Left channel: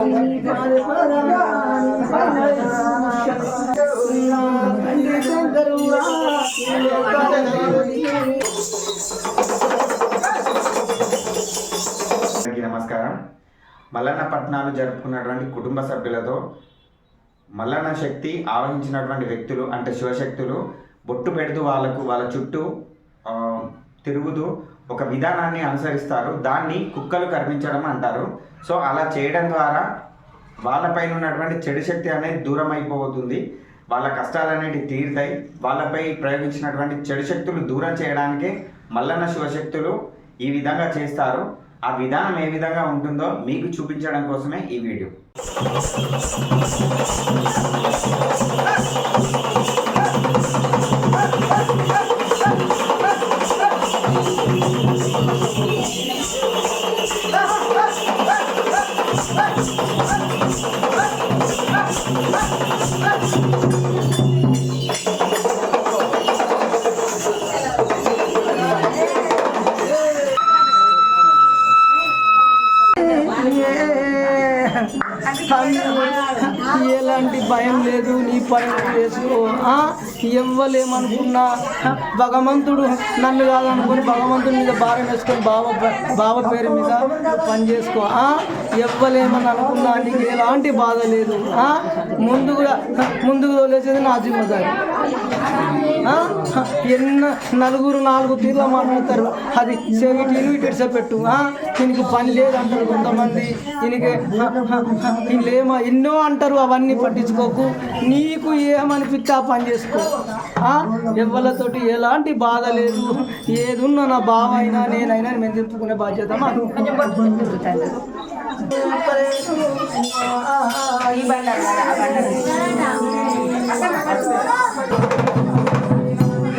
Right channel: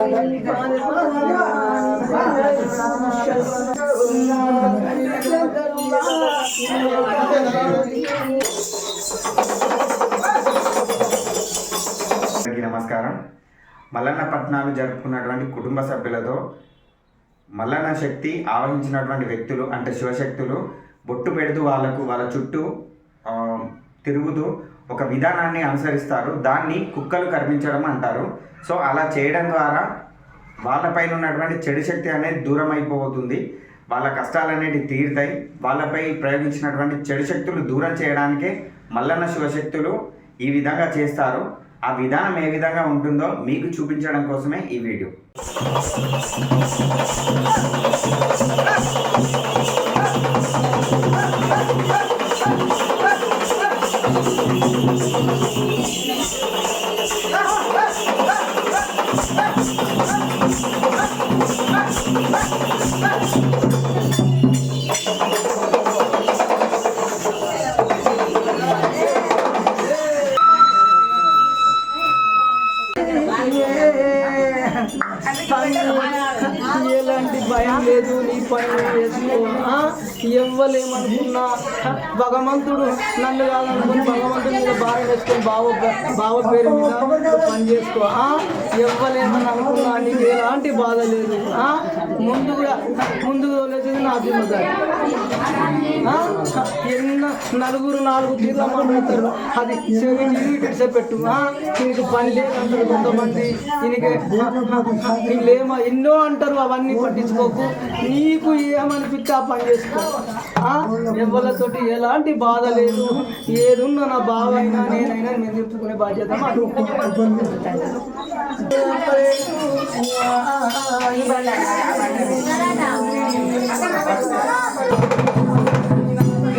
నమస్కారం. మల్లన్న పట్నాలు జరుపుకున్నటువంటి కుటుంబ సభ్యులతో మల్లన్న శక్తి ఆవహించినటువంటి వ్యక్తులు అంటే శివశక్తులు బొట్టు పెడుతూ వాళ్ళ చుట్టూ తిరుగుతూ ఒక విధానాన్ని అనుసరిస్తారు. దాన్ని కుక్కలు కర్మించడం అంటారు. సో అలా చేయడం ద్వారా వాళ్ళపైన ఉన్నటువంటి చెడు శక్తి అనేది దూరం అయిపోతుంది. వాళ్ళ కష్టాలు అనేవి తీరుతాయి. వాళ్ళపై ప్రయోగించినటువంటి చెడు శక్తులు దూరం చేయడానికే మల్లన్న శివశక్తులు ఈ విధంగా చేస్తారు. ఆ విధానం ఏ విధంగా ఉంటుందో మీకు చూపించడం కోసమే ఈ వీడియో. ఎలాంటి భయం లేదు, నీ పని చేసుకో. ఎవ్వలేమనుకున్నా భగవంతుడు నన్ను కాదనుకుని భగవంతుడి మీద భారం వేసుకొని బావ పేరు మీద పని చేసుకో. ఎవ్వలేమని అనుకున్నా నీకు ఎలాంటి బాధ లేదు. ముందుకు తోలేసేది నా జీవితం. నలుగురు 4 తీగో మాట్లాడతారు, అది చెవి పెట్టు. దీనికి పని లేదంటారు కొంతమంది, దీనికేమో ఎన్నో అంటారు. అవన్నీ పట్టించుకోకు, నీకు ఏమనిపిస్తే ఆ పని చేసుకో. ఎవరితోటి ఎలాంటి బాధ లేదు. ఏదున్నా నా బావ అయినా నేనైనా మేము చెప్పుకునే బాధ్యత. పాద